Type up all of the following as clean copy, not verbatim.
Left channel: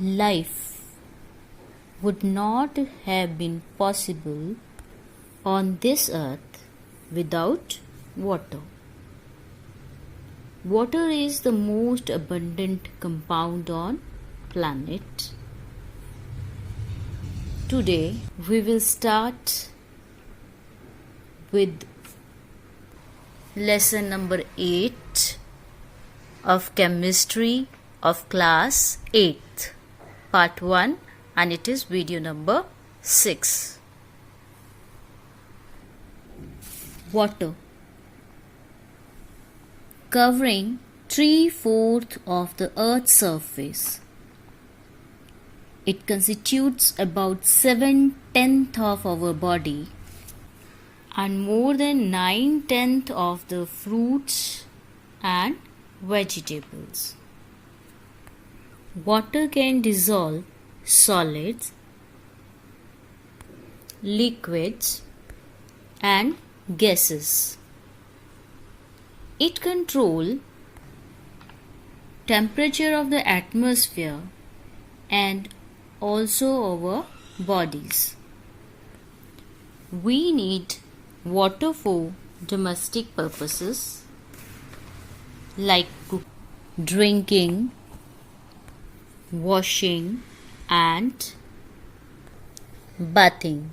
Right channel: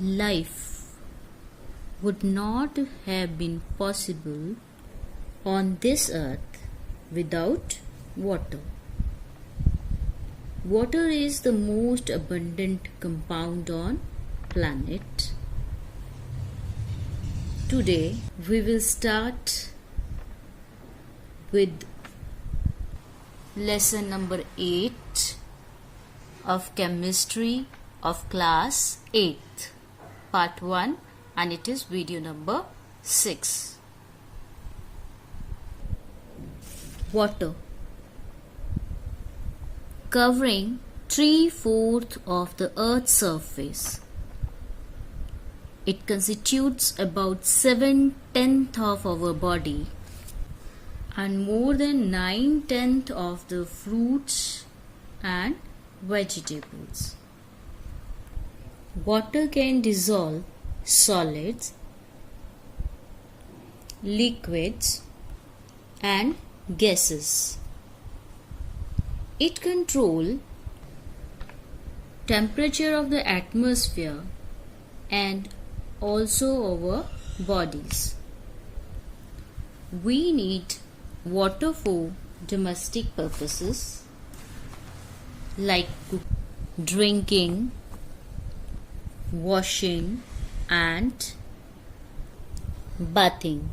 life would not have been possible on this earth without water. Water is the most abundant compound on planet. Today we will start with lesson number 8 of chemistry of class 8th, part 1, and it is video number 6. Water, covering 3/4 of the earth's surface. It constitutes about 7/10 of our body and more than 9/10 of the fruits and vegetables. Water can dissolve solids, liquids, and gases. It controls temperature of the atmosphere and also our bodies. We need water for domestic purposes like drinking, washing, and bathing.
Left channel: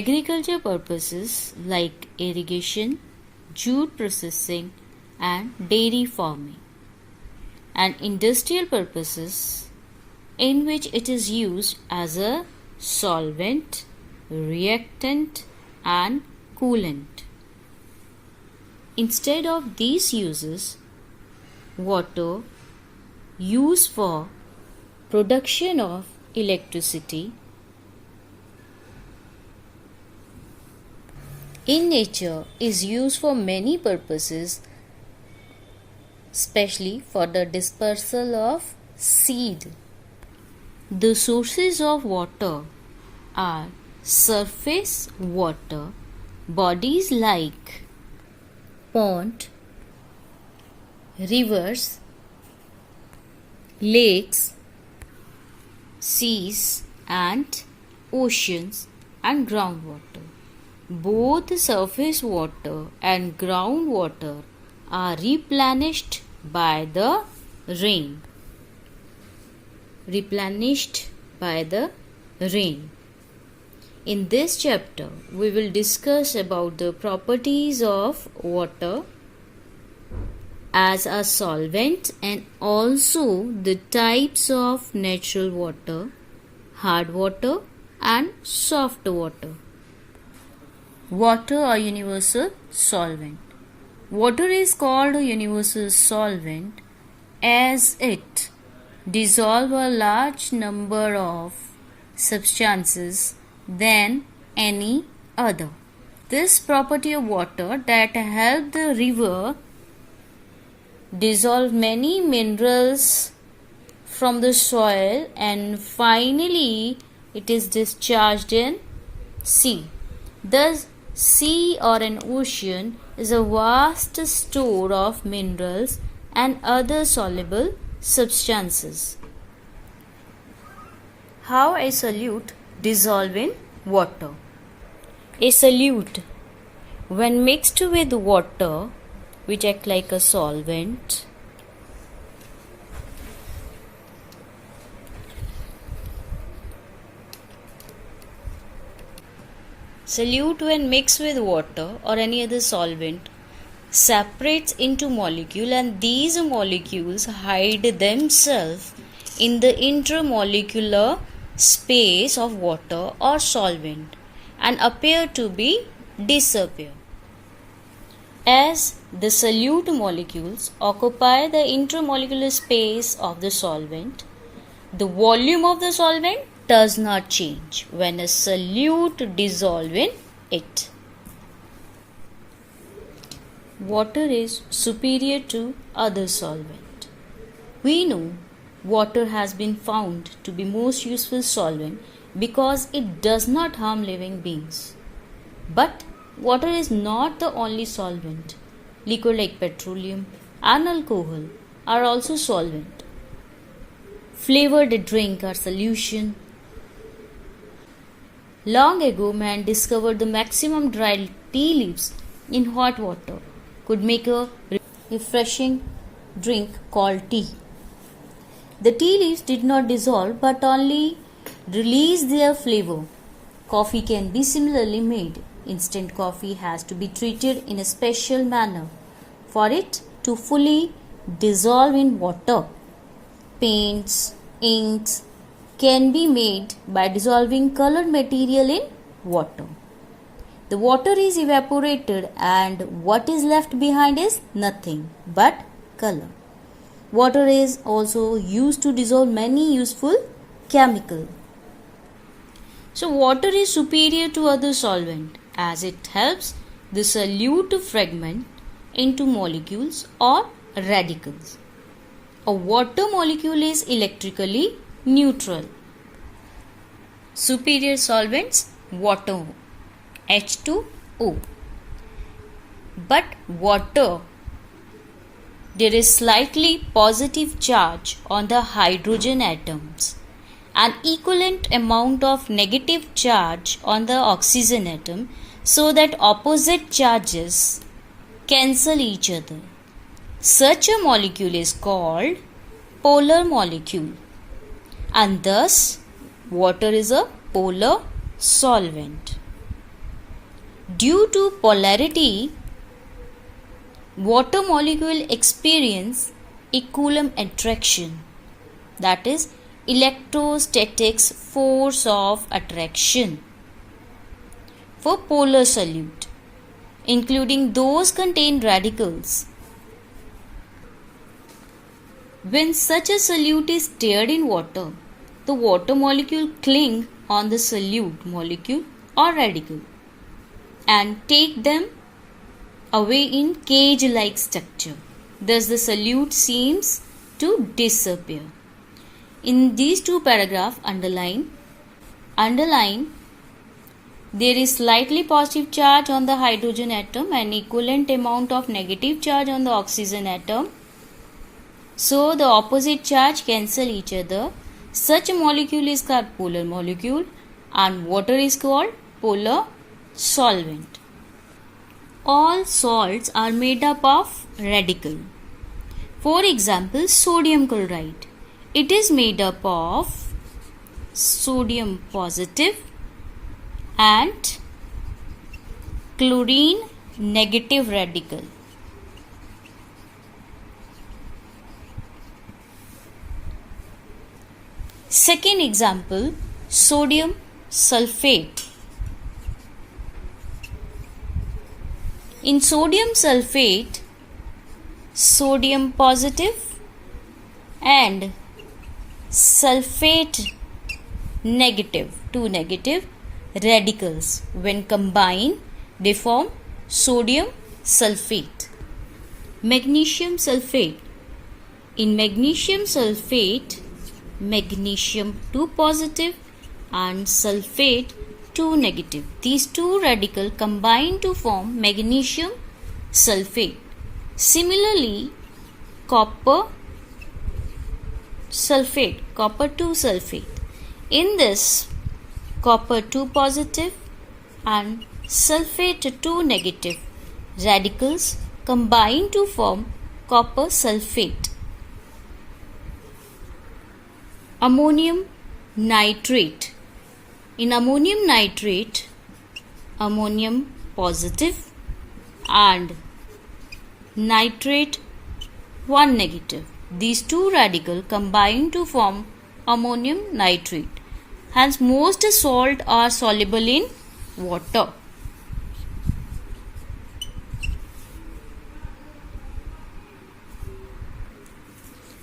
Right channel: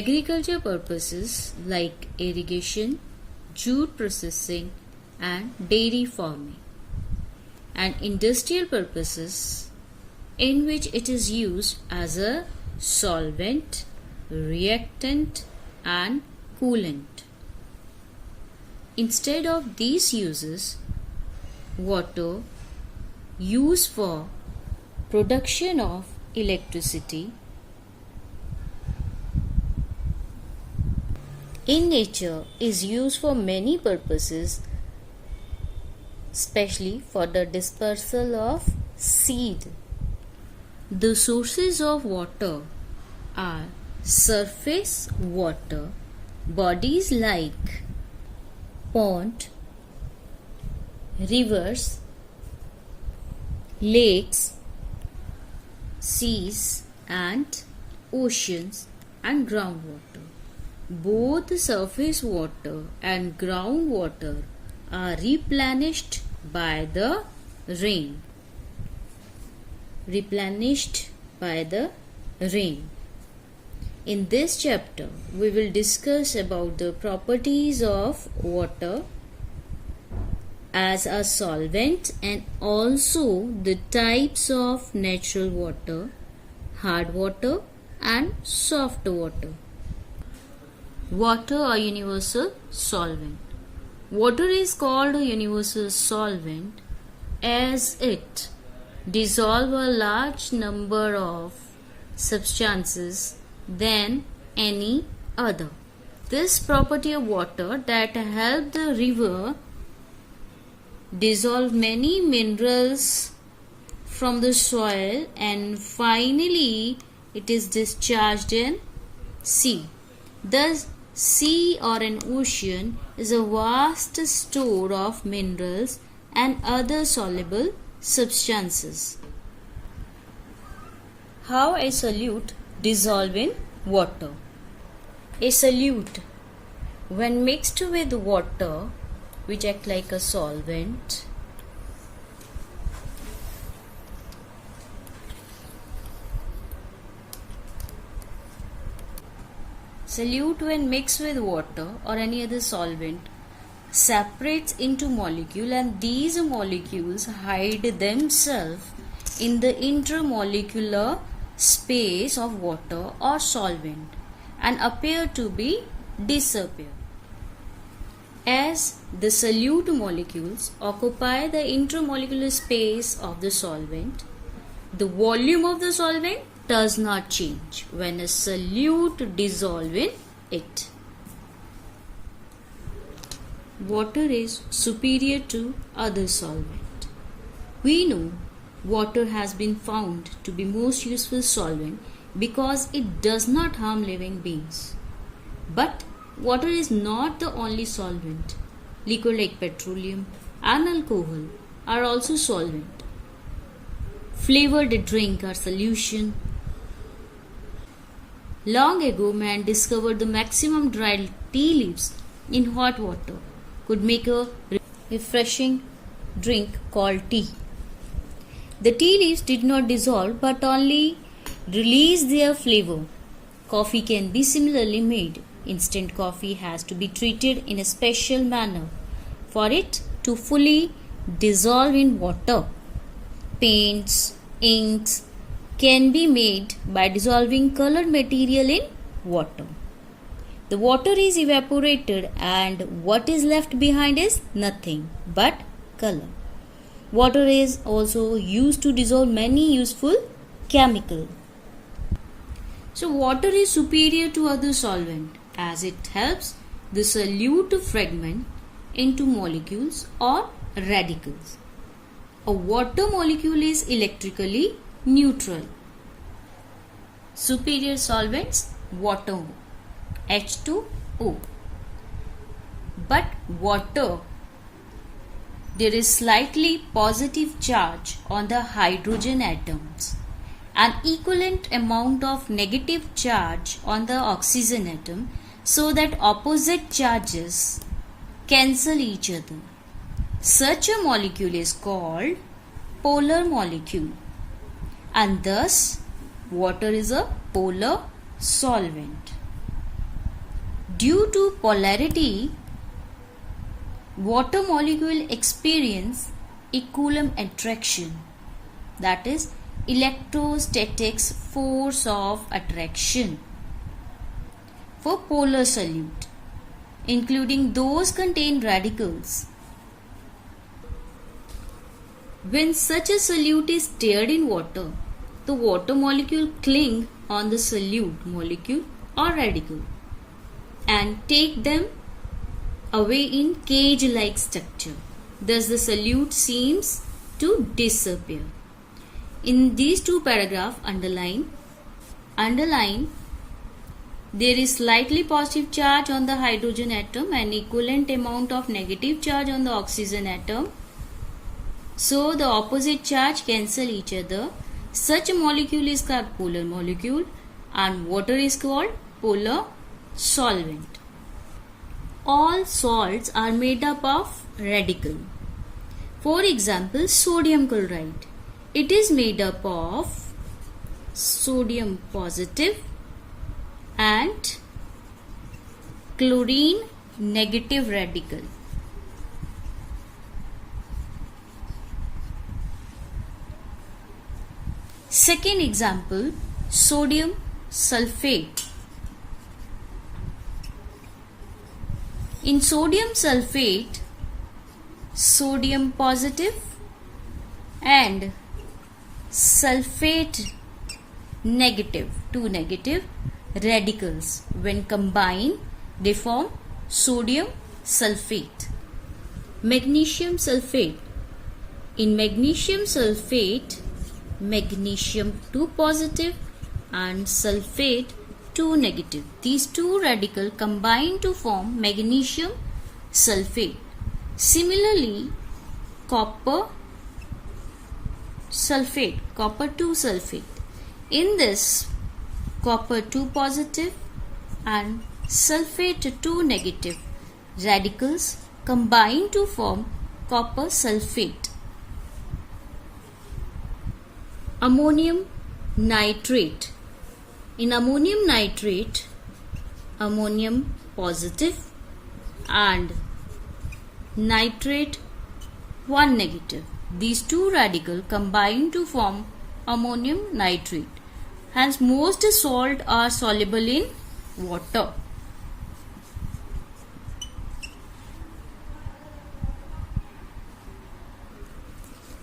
Agriculture purposes like irrigation, jute processing, and dairy farming. And industrial purposes in which it is used as a solvent, reactant, and coolant. Instead of these uses, water used for production of electricity in nature is used for many purposes, especially for the dispersal of seed. The sources of water are surface water bodies like pond, rivers, lakes, seas, and oceans, and groundwater. Both surface water and groundwater are replenished by the rain. In this chapter, we will discuss about the properties of water as a solvent and also the types of natural water, hard water, and soft water. Water, a universal solvent. Water is called a universal solvent as it dissolves a large number of substances than any other. This property of water that helps the river dissolve many minerals from the soil and finally it is discharged in sea. Thus, sea or an ocean is a vast store of minerals and other soluble substances. How a solute dissolve in water. A solute, when mixed with water, which act like a solvent, solute when mixed with water or any other solvent separates into molecule, and these molecules hide themselves in the intermolecular space of water or solvent and appear to be disappear. As the solute molecules occupy the intermolecular space of the solvent, the volume of the solvent does not change when a solute dissolves in it. Water is superior to other solvent. We know water has been found to be most useful solvent because it does not harm living beings. But water is not the only solvent. Liquid like petroleum and alcohol are also solvent. flavored drink or solution. Long ago, man discovered the maximum dried tea leaves in hot water could make a refreshing drink called tea. The tea leaves did not dissolve but only release their flavor. Coffee can be similarly made. Instant coffee has to be treated in a special manner for it to fully dissolve in water. Paints, inks can be made by dissolving colored material in water. The water is evaporated and what is left behind is nothing but color. Water is also used to dissolve many useful chemicals. So water is superior to other solvent as it helps the solute to fragment into molecules or radicals. A water molecule is electrically neutral. Superior solvents, water, H2O. But water, there is slightly positive charge on the hydrogen atoms, an equivalent amount of negative charge on the oxygen atom, so that opposite charges cancel each other. Such a molecule is called polar molecule, and thus water is a polar solvent. Due to polarity, water molecule experience a Coulomb attraction, that is electrostatics force of attraction for polar solute, including those contain radicals. When such a solute is stirred in water, the water molecule cling on the solute molecule or radical and take them away in cage-like structure. Thus the solute seems to disappear. In these two paragraphs, underline, there is slightly positive charge on the hydrogen atom and equivalent amount of negative charge on the oxygen atom. So the opposite charge cancel each other. Such a molecule is called polar molecule and water is called polar solvent. All salts are made up of radical. For example, sodium chloride. It is made up of sodium positive and chlorine negative radical. Second example, sodium sulfate. In sodium sulfate, sodium positive and sulfate negative, two negative radicals, when combined they form sodium sulfate. Magnesium sulfate. In magnesium sulfate, magnesium 2 positive and sulfate 2 negative. These two radicals combine to form magnesium sulfate. Similarly, copper sulfate, copper 2 sulfate. In this, copper 2 positive and sulfate 2 negative radicals combine to form copper sulfate. Ammonium nitrate. In ammonium nitrate, ammonium positive and nitrate 1 negative. These two radicals combine to form ammonium nitrate. Hence, most salts are soluble in water.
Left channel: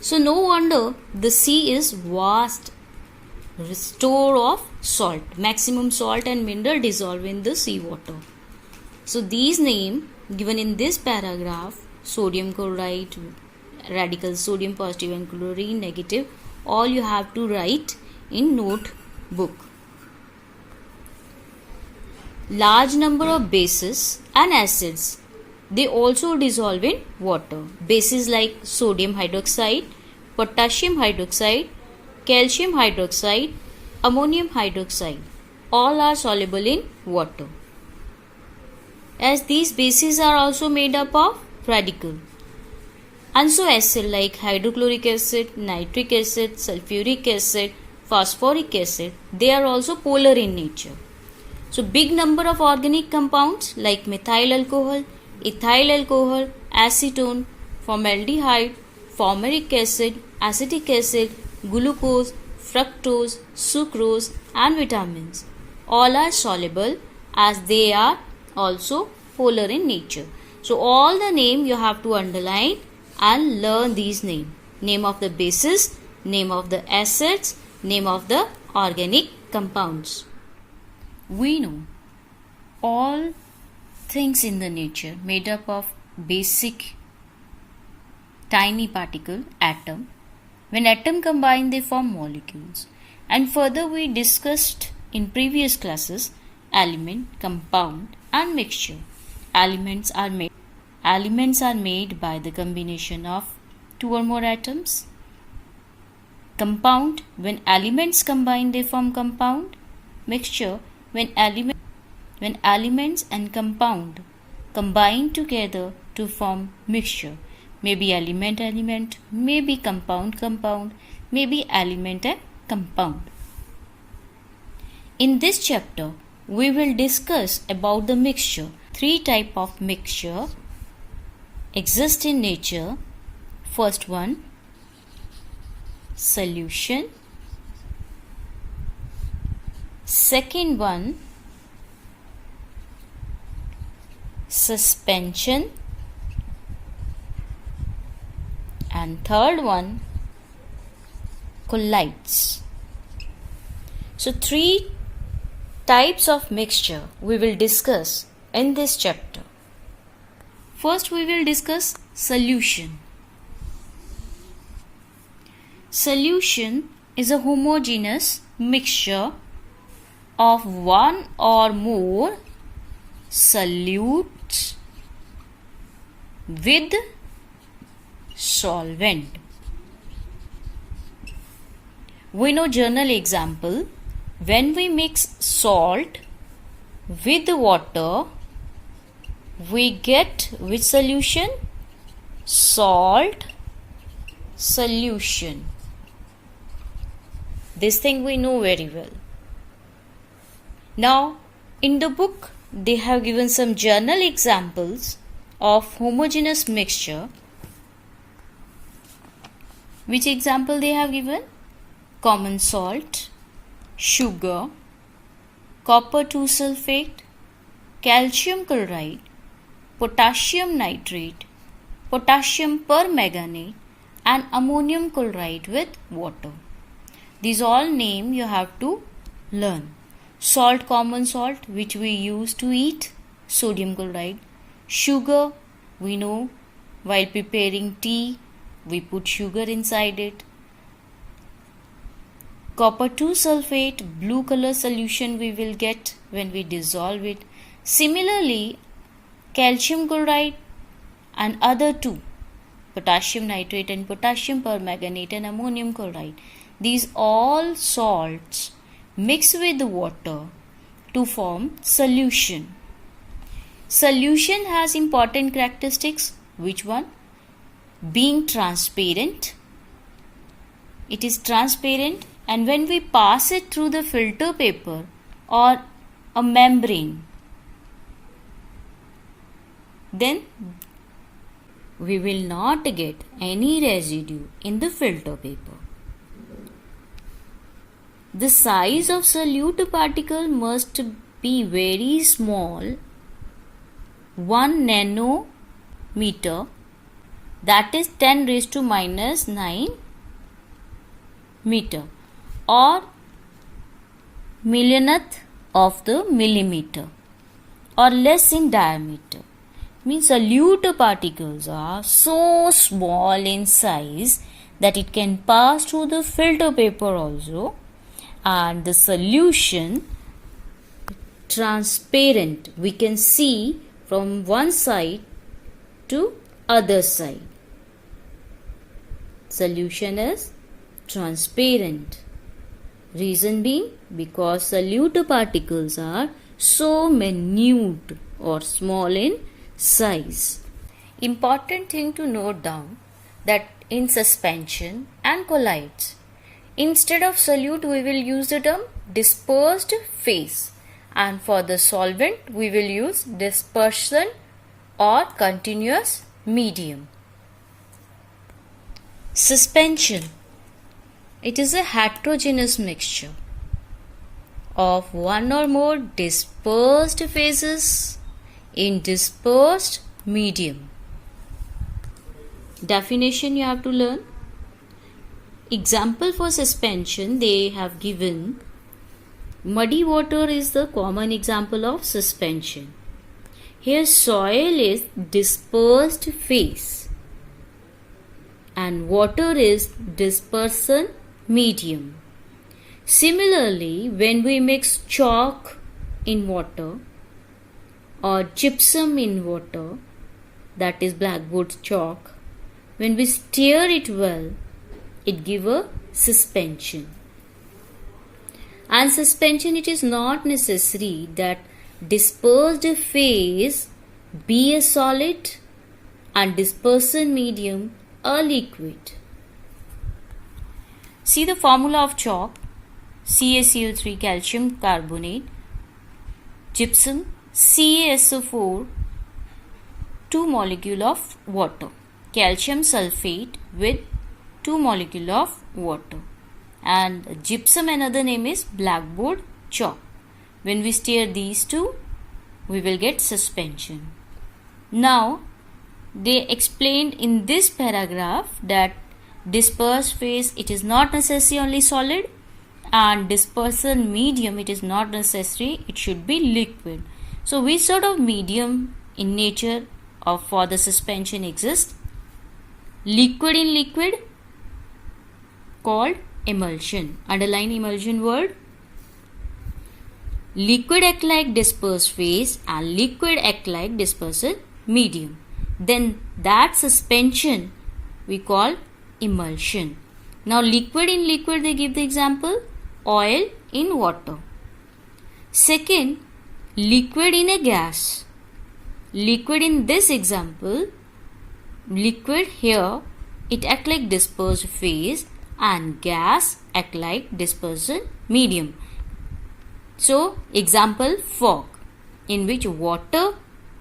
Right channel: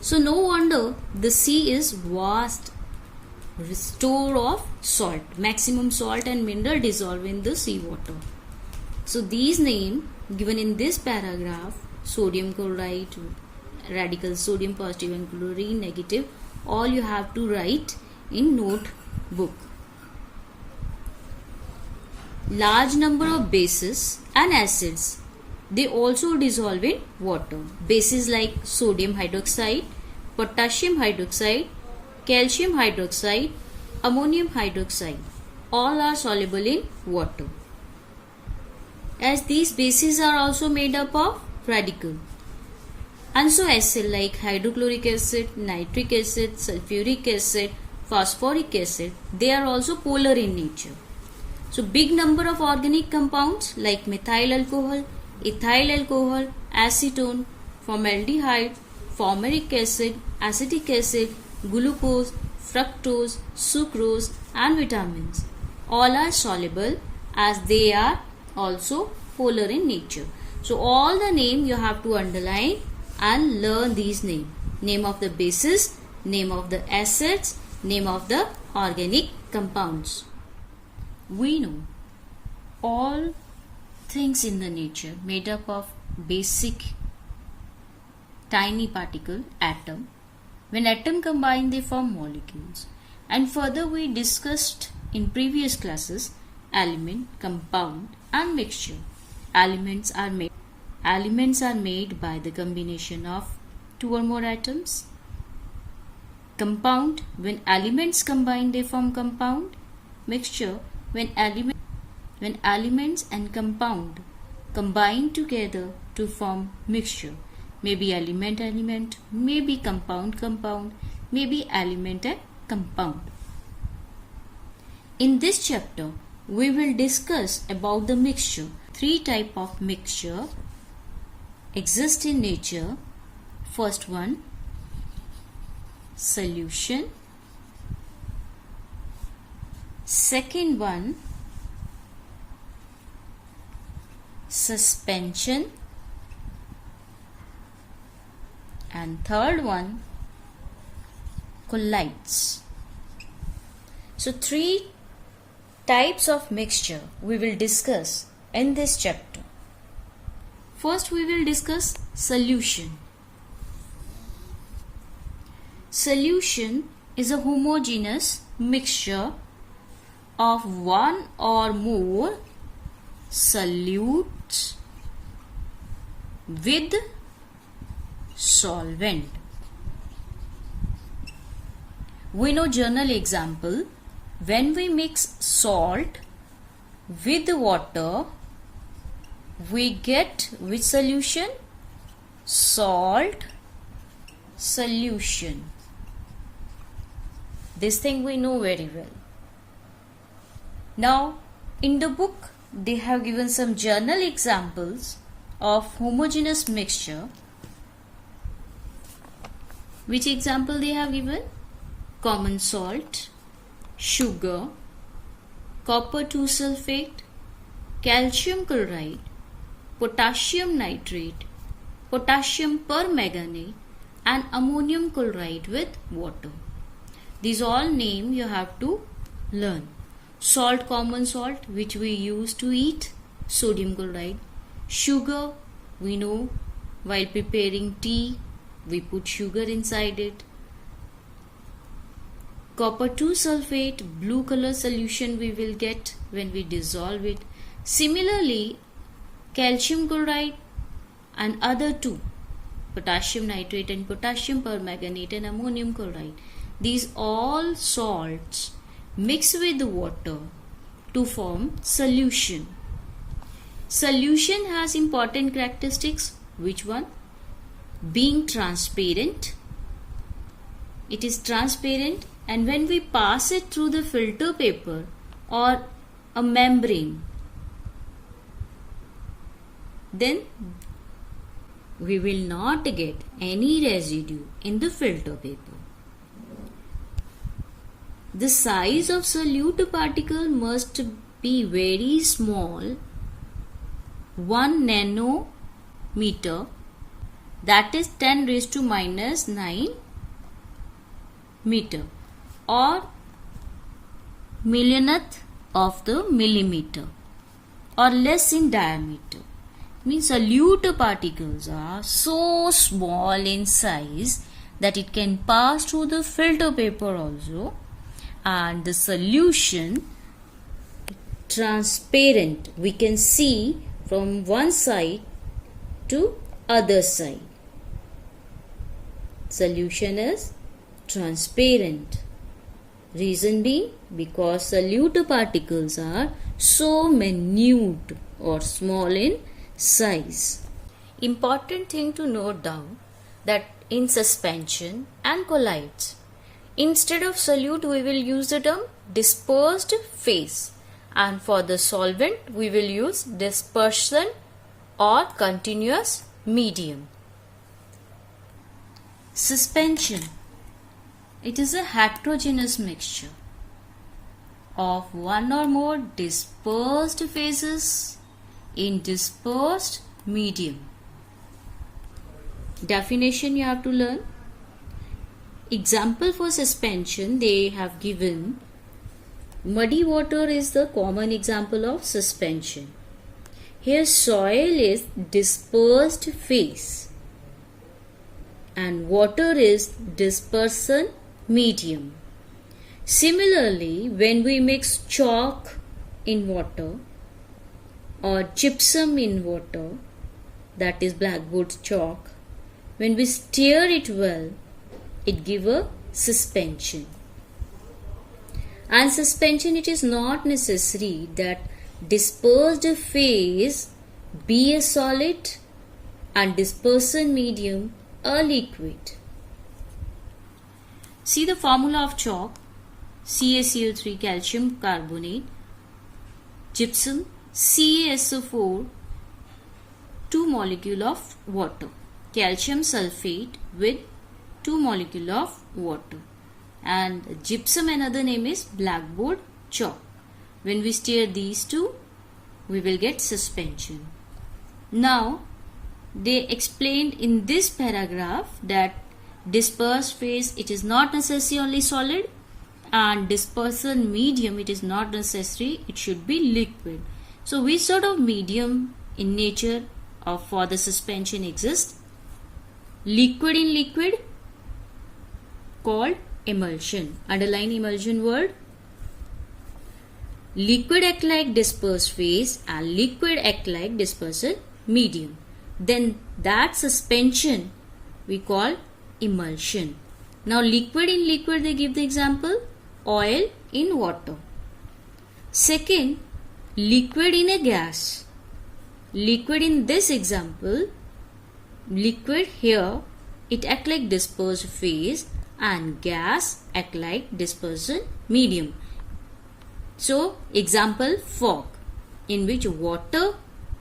So, no wonder the sea is vast store of salt. Maximum salt and mineral dissolve in the sea water. So, these names given in this paragraph, sodium chloride, radicals sodium positive and chlorine negative, all you have to write in notebook. Large number of bases and acids, they also dissolve in water. Bases like sodium hydroxide, potassium hydroxide, calcium hydroxide, ammonium hydroxide. All are soluble in water. As these bases are also made up of radical. And so acid like hydrochloric acid, nitric acid, sulfuric acid, phosphoric acid, they are also polar in nature. So big number of organic compounds like methyl alcohol, ethyl alcohol, acetone, formaldehyde, fumaric acid, acetic acid, glucose, fructose, sucrose and vitamins. All are soluble as they are also polar in nature. So all the name you have to underline and learn these names. Name of the bases, name of the acids, name of the organic compounds. We know all things in the nature made up of basic tiny particle atom. When atom combine they form molecules. And further we discussed in previous classes element, compound and mixture. Elements are made by the combination of two or more atoms. Compound, when elements combine they form compound. Mixture, when elements and compound combine together to form mixture. Maybe element, maybe compound, maybe element and compound. In this chapter, we will discuss about the mixture. 3 types of mixture exist in nature. First one, solution. Second one, suspension. And third one, colloids. So 3 types of mixture we will discuss in this chapter. First we will discuss solution. Solution is a homogeneous mixture of one or more solutes with solvent. We know general example. When we mix salt with water, we get which solution? Salt solution. This thing we know very well. Now, in the book, they have given some general examples of homogeneous mixture. Which example they have given? Common salt, sugar, copper 2 sulfate, calcium chloride, potassium nitrate, potassium permanganate and ammonium chloride with water. These all name you have to learn. Salt, common salt which we use to eat, sodium chloride. Sugar, we know while preparing tea we put sugar inside it. Copper 2 sulfate, blue color solution we will get when we dissolve it. Similarly, calcium chloride and other two, potassium nitrate and potassium permanganate and ammonium chloride. These all salts mix with water to form solution. Solution has important characteristics. Which one? Being transparent. It is transparent, and when we pass it through the filter paper or a membrane, then we will not get any residue in the filter paper. The size of solute particle must be very small, 1 nanometer, that is 10 raised to minus 9 meter, or millionth of the millimeter, or less in diameter. Means solute particles are so small in size that it can pass through the filter paper also, and the solution transparent, we can see from one side to other side. Solution is transparent. Reason being, because solute particles are so minute or small in size. Important thing to note down that in suspension and colloids, instead of solute we will use the term dispersed phase, and for the solvent we will use dispersion or continuous medium. Suspension. It is a heterogeneous mixture of one or more dispersed phases in dispersed medium. Definition you have to learn. Example for suspension they have given. Muddy water is the common example of suspension. Here soil is dispersed phase and water is dispersion medium. Similarly, when we mix chalk in water or gypsum in water, that is blackboard chalk, when we stir it well, it gives a suspension. And suspension, it is not necessary that dispersed phase be a solid and dispersion medium a liquid. See the formula of chalk: CaCO3 calcium carbonate, gypsum CaSO4, 2 molecule of water, calcium sulfate with 2 molecule of water, and gypsum another name is blackboard chalk. When we stir these two, we will get suspension. Now they explained in this paragraph that dispersed phase, it is not necessary only solid, and dispersion medium, it is not necessary, it should be liquid. So which sort of medium in nature of for the suspension exists? Liquid in liquid called emulsion. Underline emulsion word. Liquid act like dispersed phase and liquid act like dispersion medium. Then that suspension we call emulsion. Now liquid in liquid, they give the example oil in water. Second, liquid in a gas. Liquid in this example, liquid here, it act like dispersed phase and gas act like dispersion medium. So example fog, in which water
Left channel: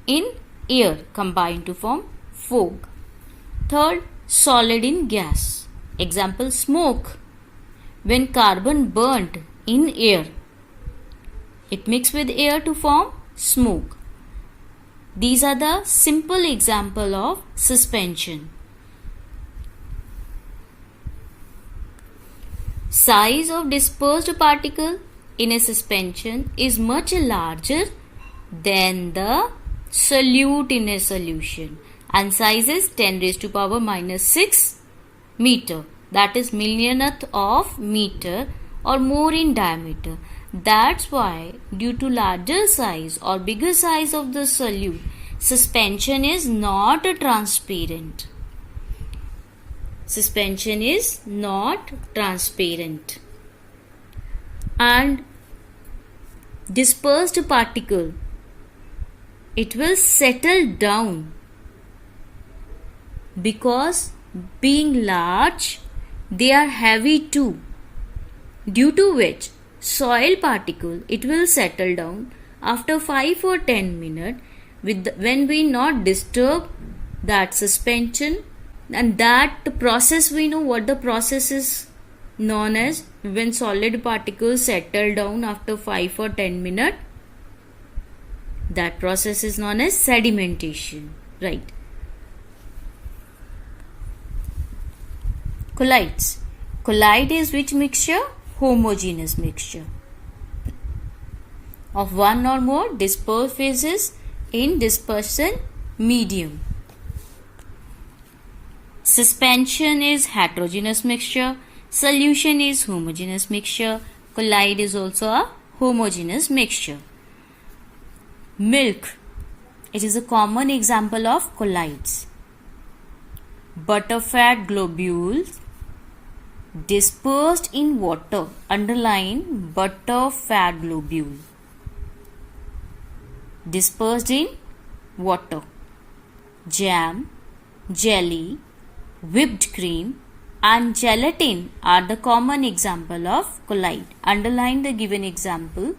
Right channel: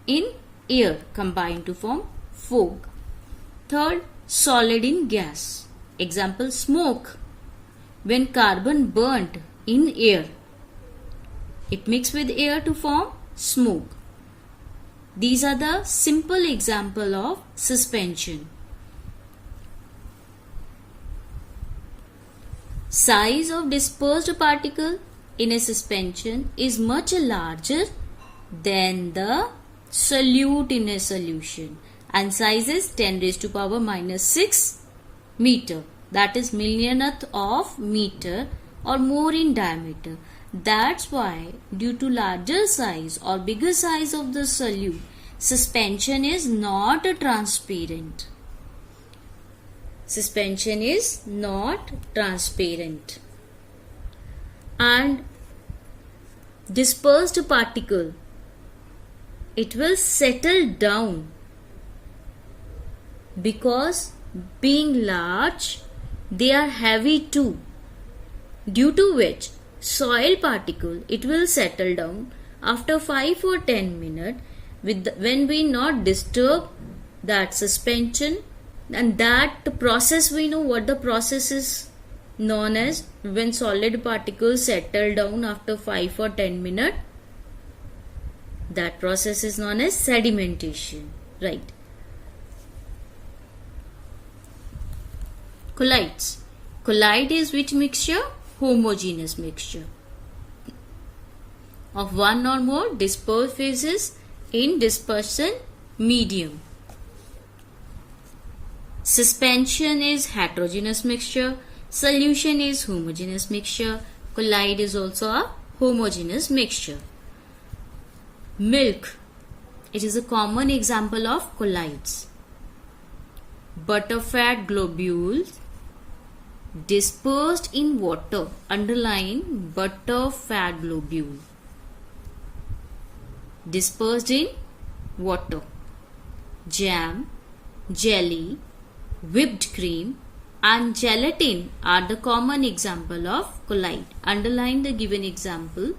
in air combine to form fog. Third, solid in gas. Example smoke, when carbon burnt in air, it mixed with air to form smoke. These are the simple example of suspension. Size of dispersed particle in a suspension is much larger than the solute in a solution, and size is 10 raised to power minus 6 meter, that is millionth of meter or more in diameter. That's why due to larger size or bigger size of the solute, suspension is not transparent. Suspension is not transparent. And dispersed particle, it will settle down because being large, they are heavy too, due to which soil particle, it will settle down after 5 or 10 minutes when we not disturb that suspension. And that process, we know what the process is known as. When solid particles settle down after 5 or 10 minutes, that process is known as sedimentation, right? Colloids. Colloid is which mixture? Homogeneous mixture of one or more dispersed phases in dispersion medium. Suspension is heterogeneous mixture. Solution is homogeneous mixture. Colloid is also a homogeneous mixture. Milk. It is a common example of colloids. Butterfat globules dispersed in water. Underline butterfat globule. Dispersed in water. Jam, jelly, whipped cream and gelatin are the common example of colloid. Underline the given example.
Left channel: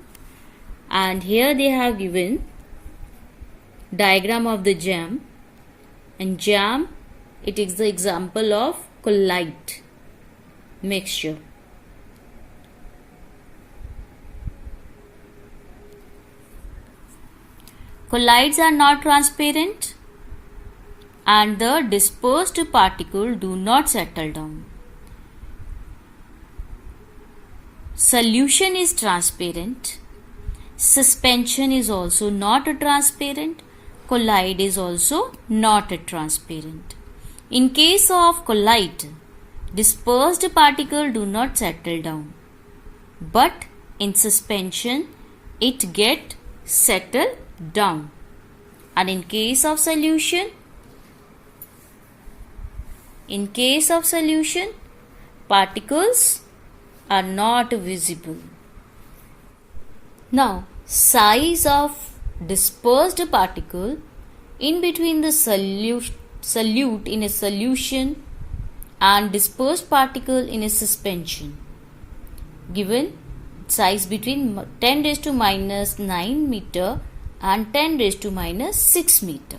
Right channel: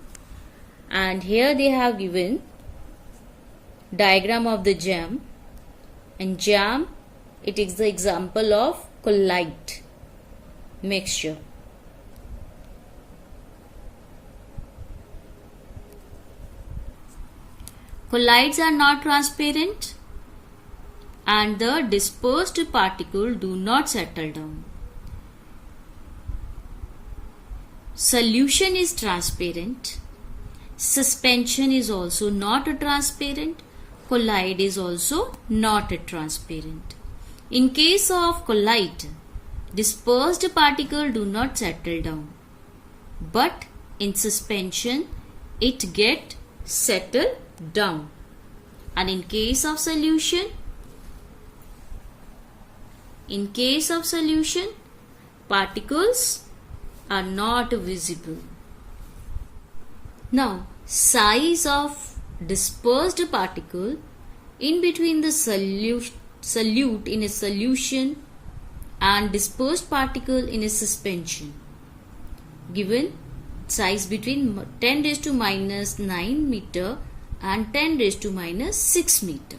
And here they have given diagram of the jam. And jam, it is the example of colloid mixture. Colloids are not transparent and the dispersed particle do not settle down. Solution is transparent. Suspension is also not transparent. Colloid is also not transparent. In case of colloid, dispersed particle do not settle down. But in suspension, it get settled down. And in case of solution, particles are not visible. Now, size of dispersed particle in between the solute in a solution and dispersed particle in a suspension. Given size between 10 raised to minus 9 meter and 10 raised to minus 6 meter.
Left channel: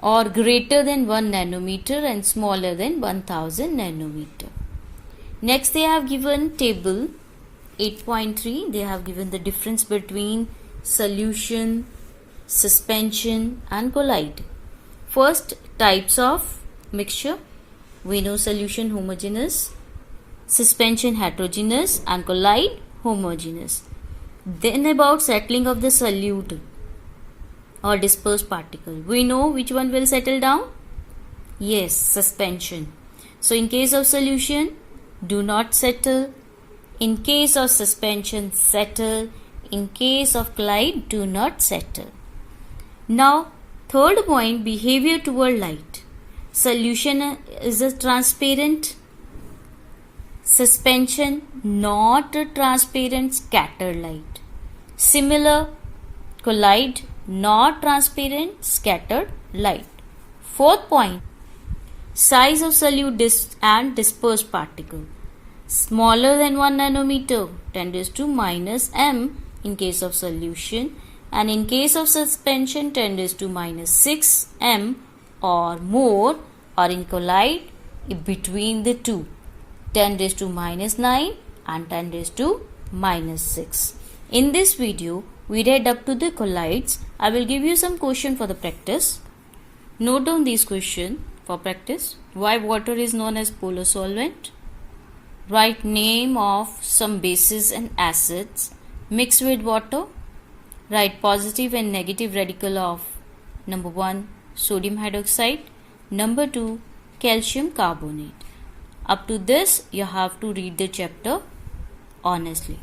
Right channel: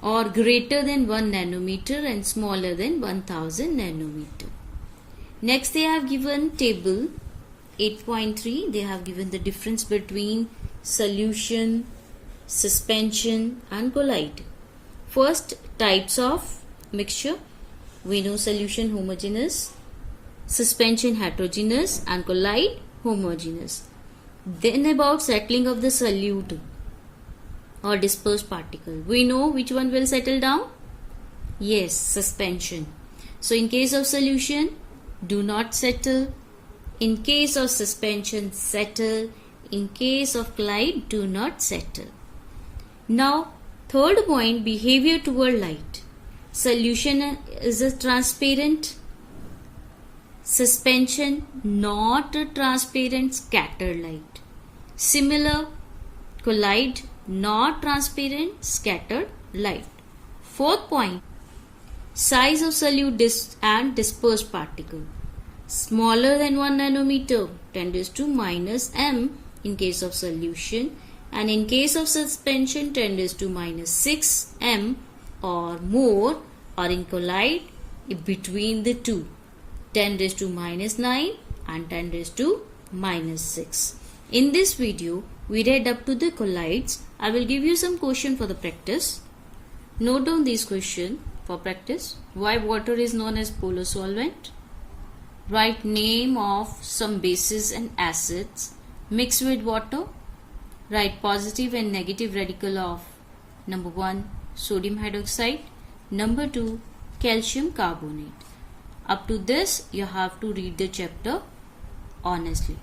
Or greater than 1 nanometer and smaller than 1000 nanometer. Next they have given table 8.3. They have given the difference between solution, suspension and colloid. First, types of mixture. We know solution homogeneous, suspension heterogeneous and colloid homogeneous. Then about settling of the solute or dispersed particle. We know which one will settle down? Yes, suspension. So in case of solution, do not settle. In case of suspension, settle. In case of colloid, do not settle. Now, third point, behavior toward light. Solution is a transparent. Suspension, not a transparent, scattered light. Similar, colloid, not transparent, scattered light. Fourth point, size of solute and dispersed particle. Smaller than 1 nanometer, 10 raised to minus m in case of solution, and in case of suspension 10 raised to minus 6 m or more, or in colloid between the two, 10 raised to minus 9 and 10 raised to minus 6. In this video, we read up to the colloids. I will give you some question for the practice. Note down these questions for practice. Why water is known as polar solvent? Write name of some bases and acids mixed with water. Write positive and negative radical of number 1, sodium hydroxide, number 2, calcium carbonate. Up to this, you have to read the chapter honestly.